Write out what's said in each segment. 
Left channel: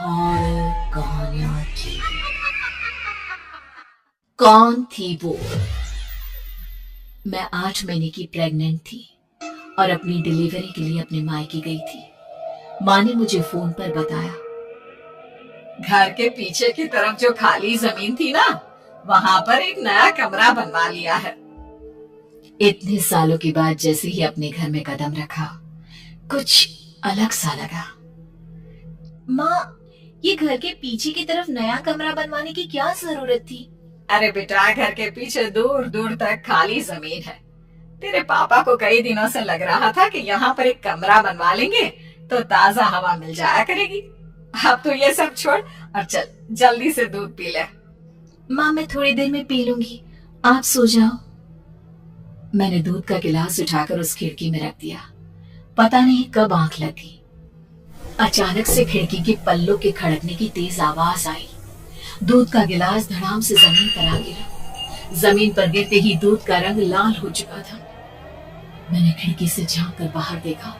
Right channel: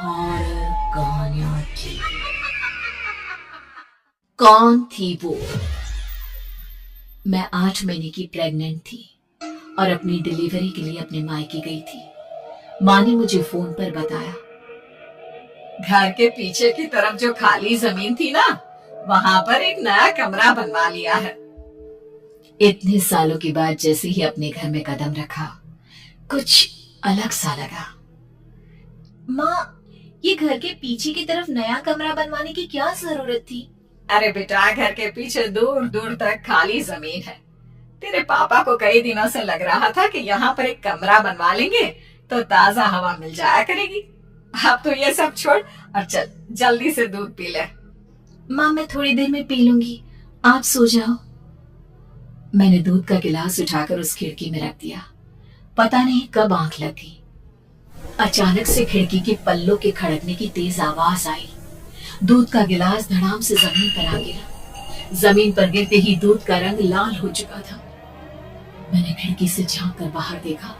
Horror कहानियां थी। कौन थी वो? मैं 8 महीने की प्रेग्नेंट थी और अपनी डिलीवरी के लिए अपने मायके गई थी। माँ ने मुझे फोन पर बताया, घर के पीछे की तरफ जो खाली जमीन थी ना, वहां पर एक नया कमरा बनवा लिया है। इतने सालों के बाद जैसे ही अपने घर में कदम रखा, कुछ अलग सा लगा। माँ, ये घर के पीछे की तरफ नया कमरा बनवाने की क्या जरूरत थी? अरे बेटा, घर के पीछे दूर दूर तक खाली जमीन है। तेरे पापा को कई दिनों से लग रहा था कि यहाँ पर एक कमरा बनवा लेंगे तो ताजा हवा मिल जाया करेगी। अब तो ये सब छोड़ और चल जल्दी से दूध पी ले। माँ, मैं थोड़ी देर में पी लूंगी, आप सो जाओ। मैंने दूध का गिलास उठाकर उस खिड़की में रख दिया। पता नहीं कब आंख लग गई। अचानक से खिड़की के पल्लों के खड़कने की तेज आवाज आई। दूध का गिलास धड़ाम से जमीन पर आ गिरा। जमीन पर गिरते ही दूध का रंग लाल हो चुका था। मैंने खिड़की से झांक कर बाहर देखा।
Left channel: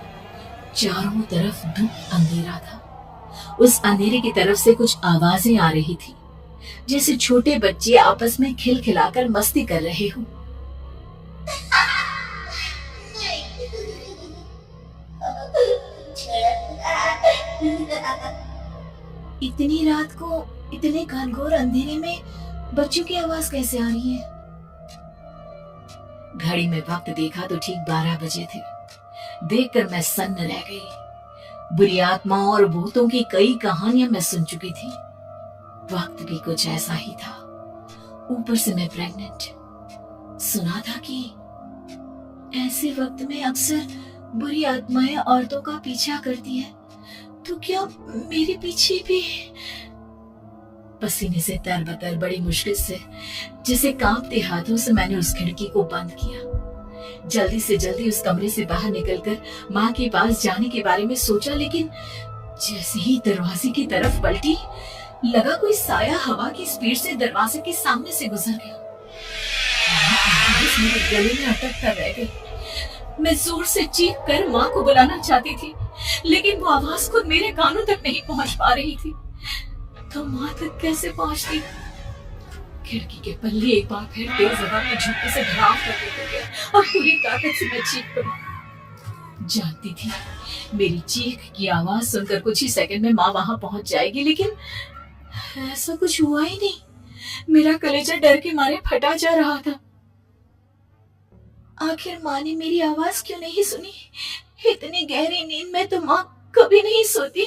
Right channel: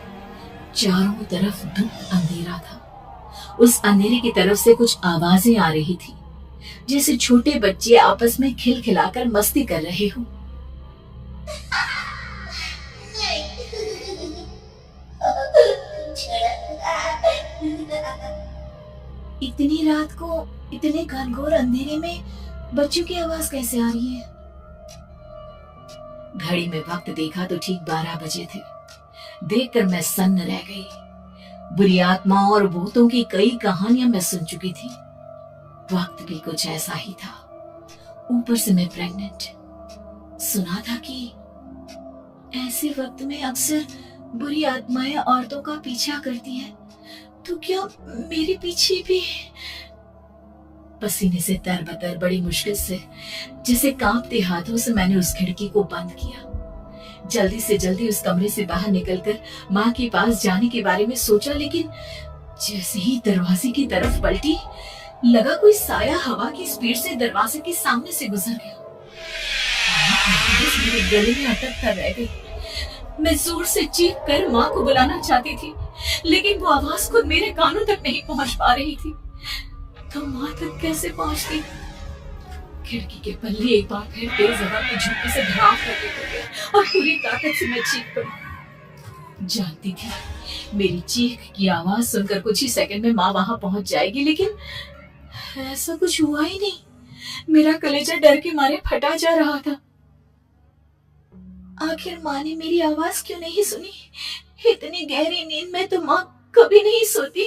चारों तरफ धुंध अंधेरा था। उस अंधेरे की तरफ से कुछ आवाजें आ रही थी, जैसे छोटे बच्चे आपस में खिलखिलाकर मस्ती कर रहे हो। इतनी रात को इतने घनघोर अंधेरे में बच्चों की आवाज कैसे आ रही है? घड़ी में वक्त देखा तो ठीक 12 बजे थे। देखकर मैं सन्न रह गई। बुरी आत्माओं और भूतों की कई कहानियां मैं सुन चुकी थी। वक्त भी कुछ ऐसा ही था। ऊपर से मैं प्रेग्नेंट। सुना था कि ऐसे वक्त में अक्सर बुरी आत्माएं औरतों का पीछा करती हैं। तो क्या मेरे पीछे भी? पसीने से तरबतर बड़ी मुश्किल से, जिसे कांपते हाथों से मैंने उस खिड़की को बंद किया। जल्दी से जल्दी उस कमरे से बाहर निकलकर माँ के पास जाने के बारे में सोचा, लेकिन जैसे ही दरवाजे की तरफ पलटी, लगा कोई साया हवा की स्पीड से दरवाजे के सामने से गुजर गया। मेरे गले में अटक कर रह गई। मैं जोर से चीख कर माँ को बुलाना चाहती थी, लेकिन वो आवाज खुद मेरे कानों तक नहीं पहुंच पा रही थी। तो माँ तक कैसे पहुंचती? खिड़की के पल्ले एक बार फिर तेज हवा में झुकने से धड़ाम करके गिर गए और पूरी ताकत से मैं चीख पड़ी। जानती थी मेरी चीख की आवाज सुनकर कुछ ही सेकंड में माँ वहां पहुंच जाएगी, लेकिन ऐसा कुछ हुआ ही नहीं। मेरा कलेजा डर के मारे फटा जा रहा था। आखिर माँ ने मेरी आवाज क्यों नहीं सुनी? इतनी गहरी नींद में तो माँ कभी नहीं सोती।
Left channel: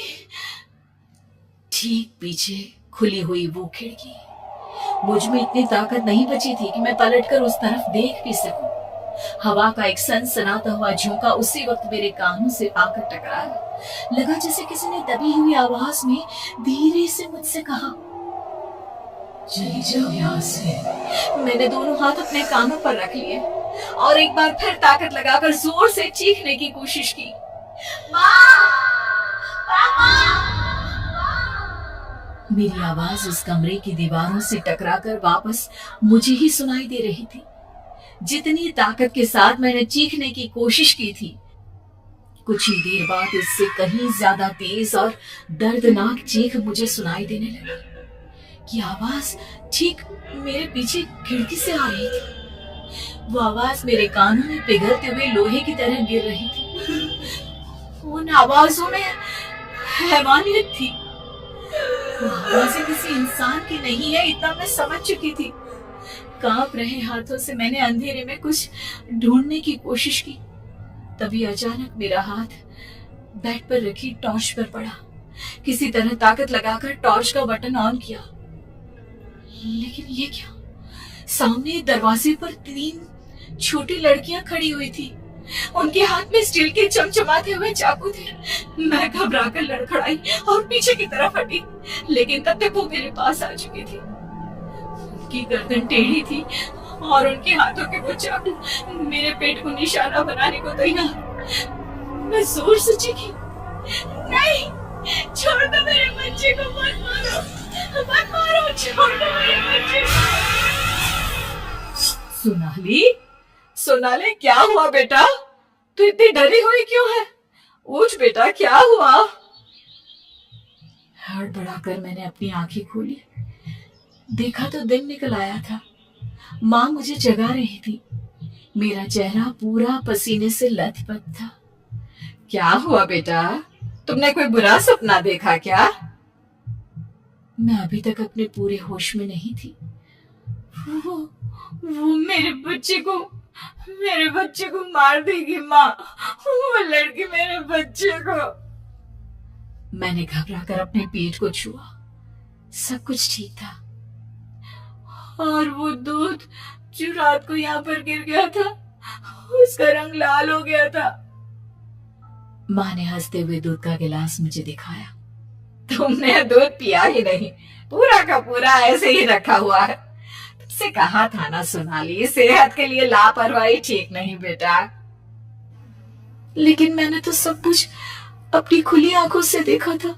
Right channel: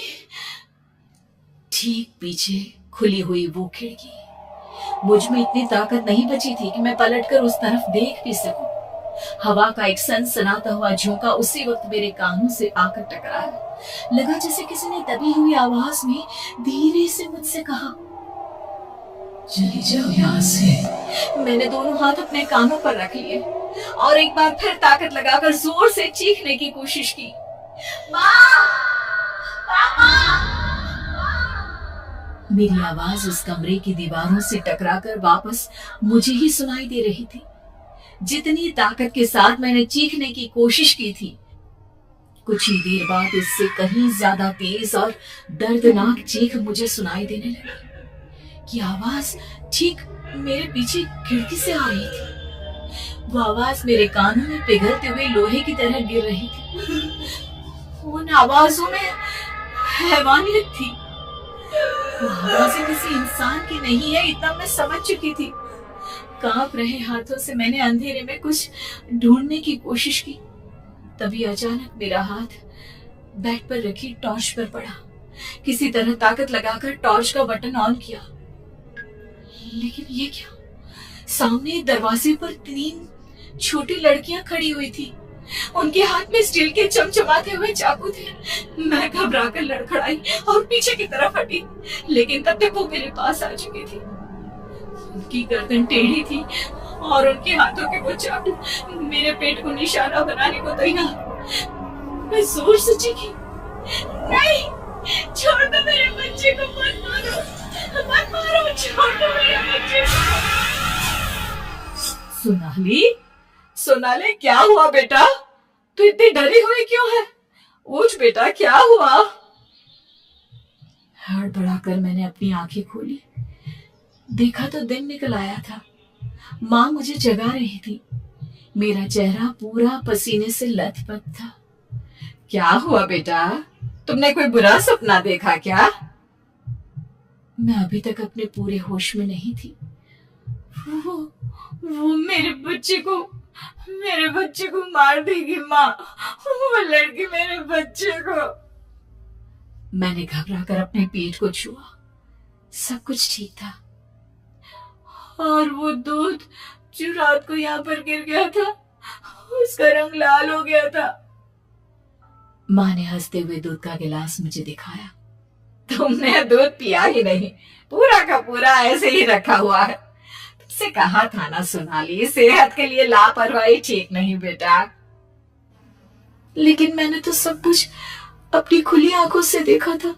ठीक पीछे खुली हुई वो खिड़की। मुझ में इतनी ताकत नहीं बची थी कि मैं पलटकर उस तरफ देख भी सकूं। हवा का एक सनसनाता हुआ झोंका उसी वक्त मेरे कानों से आकर टकराया। लगा जैसे किसी ने दबी हुई आवाज में धीरे से मुझसे कहा, चली जाओ यहाँ से। मैंने दोनों हाथ अपने कानों पर रख लिए और एक बार फिर ताकत लगाकर जोर से चीखने की कोशिश की। माँ! पापा! मेरी आवाज उस कमरे की दीवारों से टकराकर वापस मुझे ही सुनाई दे रही थी। जितनी ताकत के साथ मैंने चीखने की कोशिश की थी, कुछ ही देर बाद इससे कहीं ज्यादा तेज और दर्दनाक चीख मुझे सुनाई देने लगी। कि आवाज ठीक मेरे पीछे खिड़की से आ रही थी। वो आवाज मेरे कानों में पिघलते हुए लोहे की तरह गिर रही थी। उन आवाजों में हैवानियत थी। वो आवाजें किसी इंसान की नहीं है, इतना मैं समझ चुकी थी। कांप रहे हाथों से मैंने अंधेरे में कुछ ढूंढने की कोशिश की। तभी अचानक मेरा हाथ बेड पर रखी टॉर्च पर पड़ा। किसी तरह ताकत लगाकर टॉर्च का बटन ऑन किया, लेकिन ये क्या? सामने दरवाजे पर 3 छोटी लड़कियां खड़ी हुई थी। उनके हाथ में स्टील के चमचमाते हुए चाकू थे। मैं घबराकर लड़खड़ाई और पीछे की तरफ हटी, लेकिन तब तक वो मेरे पास आ चुकी थी। उनकी गर्दन टेढ़ी थी और उनके हाथों के वो चाकू मेरे पेट को निशाना बनाने को तैयार। मैं जोर से चीखी, नहीं, छोड़ दो मेरे बच्चे को, मत मारो, मत मारो, छोड़ दो मेरे बच्चे को। सोनाली, क्या हुआ बेटा? तू इतनी डरी हुई क्यों है? उठ बेटा, क्या हुआ? हड़बड़ाकर मैंने अपनी आंखें खोली। देखा तो दिन निकल आया था। माँ मुझे जगा रही थी। मेरा चेहरा पूरा पसीने से लथपथ था। क्या हुआ बेटा, तुमने कोई बुरा सपना देखा क्या? मैं अभी तक अपने पूरे होश में नहीं थी। वो मेरे बच्चे को मार देगी माँ। वो लड़की मेरे बच्चे को। मैंने घबराकर अपने पेट को छुआ। सब कुछ ठीक था। और वो दूध जो रात को यहाँ पर गिर गया था, उसका रंग लाल हो गया था। माँ ने हंसते हुए दूध का गिलास मुझे दिखाया। तुमने दूध पिया ही नहीं, पूरा का पूरा ऐसे ही रखा हुआ है। तुमसे कहा था ना सोनाली, सेहत के लिए लापरवाही ठीक नहीं बेटा। लेकिन मैंने तो सब कुछ अपनी खुली आंखों से देखा था।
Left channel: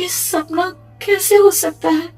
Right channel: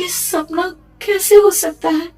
ये सपना कैसे हो सकता है?